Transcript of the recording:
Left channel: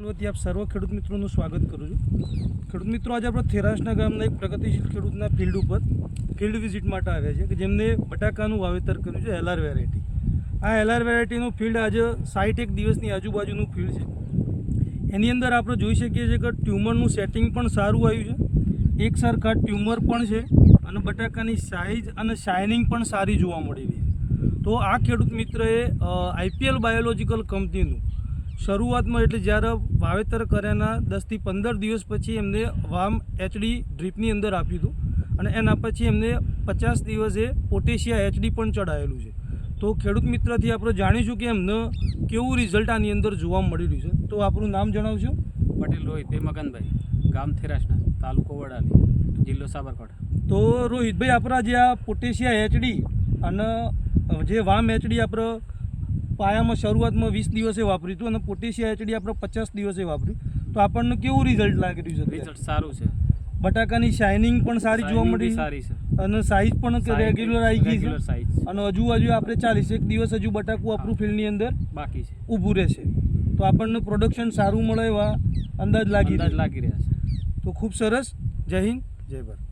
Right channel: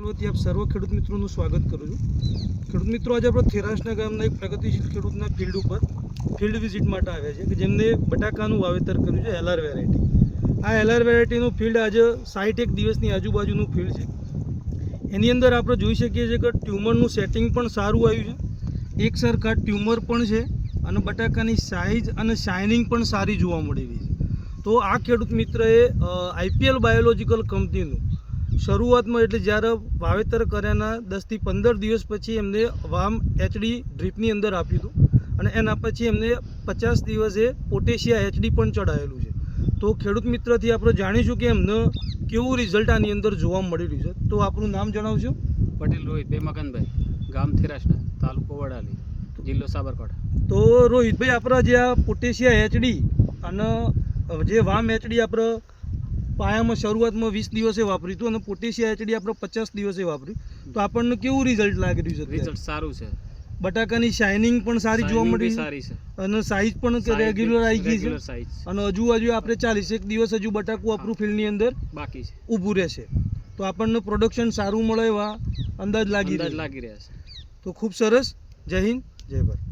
વતી આપ સર્વ ખેડૂત મિત્રોનું સ્વાગત કરું છું। ખેડૂત મિત્રો, આજે આપણે થેરાસના ગામના એક પ્રગતિશીલ ખેડૂતના ફિલ્ડ ઉપર ફિલ્ડ વિઝિટ માટે આવ્યા છે કે જેમને બટાકાનું વાવેતર કર્યું છે એલઆર વેરાયટી। આ એલઆર વેરાયટીનું ફિલ્ડ આજે 61 દિવસની આજુબાજુનું ફિલ્ડ છે। એની અંદર આપણે જોઈ શકીએ છીએ કે ટ્યુમરનું સેટિંગ પણ સારું આવ્યું છે, એક સરખા ટ્યુમર પણ છે અને બટાકાની સાઇઝ અને શાઇનિંગ પણ સારી જોવા મળી રહી છે। તો આ ખેડૂત મિત્રએ આઈપીએલ બાયોલોજિકલ કંપનીનું શરૂઆતમાં એટલે જ્યારે વાવેતર કર્યાના 10 થી 15 દિવસ પછી એમને વામ એચડી ડ્રીપની અંદર આપ્યું હતું અને એના પછી એમને 50 દિવસે પોટેશિયા એચડી પણ ચડાવેલું છે। તો ખેડૂત મિત્રથી આપણે જાણીશું કે એમને કેવું રિઝલ્ટ આની અંદર જોવા મળી રહ્યું છે। તો આપણું નામ જણાવજો। પટેલ રોહિતભાઈ મગનભાઈ, ગામ થેરાસના, તાલુકો વડાલી, જિલ્લો સાબરકાંઠા। તો રોહિતભાઈ, આપણા જે આ પોટેશિયા એચડી અને જે વામ એચડી આપણે પાયામાં શરૂઆતમાં 20 દિવસે વાપર્યું હતું અને પોટેશિયા એચડી આપણે 50 દિવસે વાપર્યું, તો આપણને કેવું રિઝલ્ટ લાગી રહ્યું છે? રિઝલ્ટ સારું છે, બટાકાની શાઇનિંગ પણ સારી જોવા મળી સારી છે અને સાઇઝ પણ રેગ્યુલર આવી ગઈ છે સાઈઝ અને હજુ આપણે 41 દિવસ હજુ બટાકું આપણું ફિલ્ડની અંદર બાકી છે, ઊભું રહેશે, તો આપણને પ્રોડક્શન સારું મળે એવા અંદાજ લાગી રહ્યા છે। તો ખૂબ સરસ। જય હિન્દ, જય ભારત।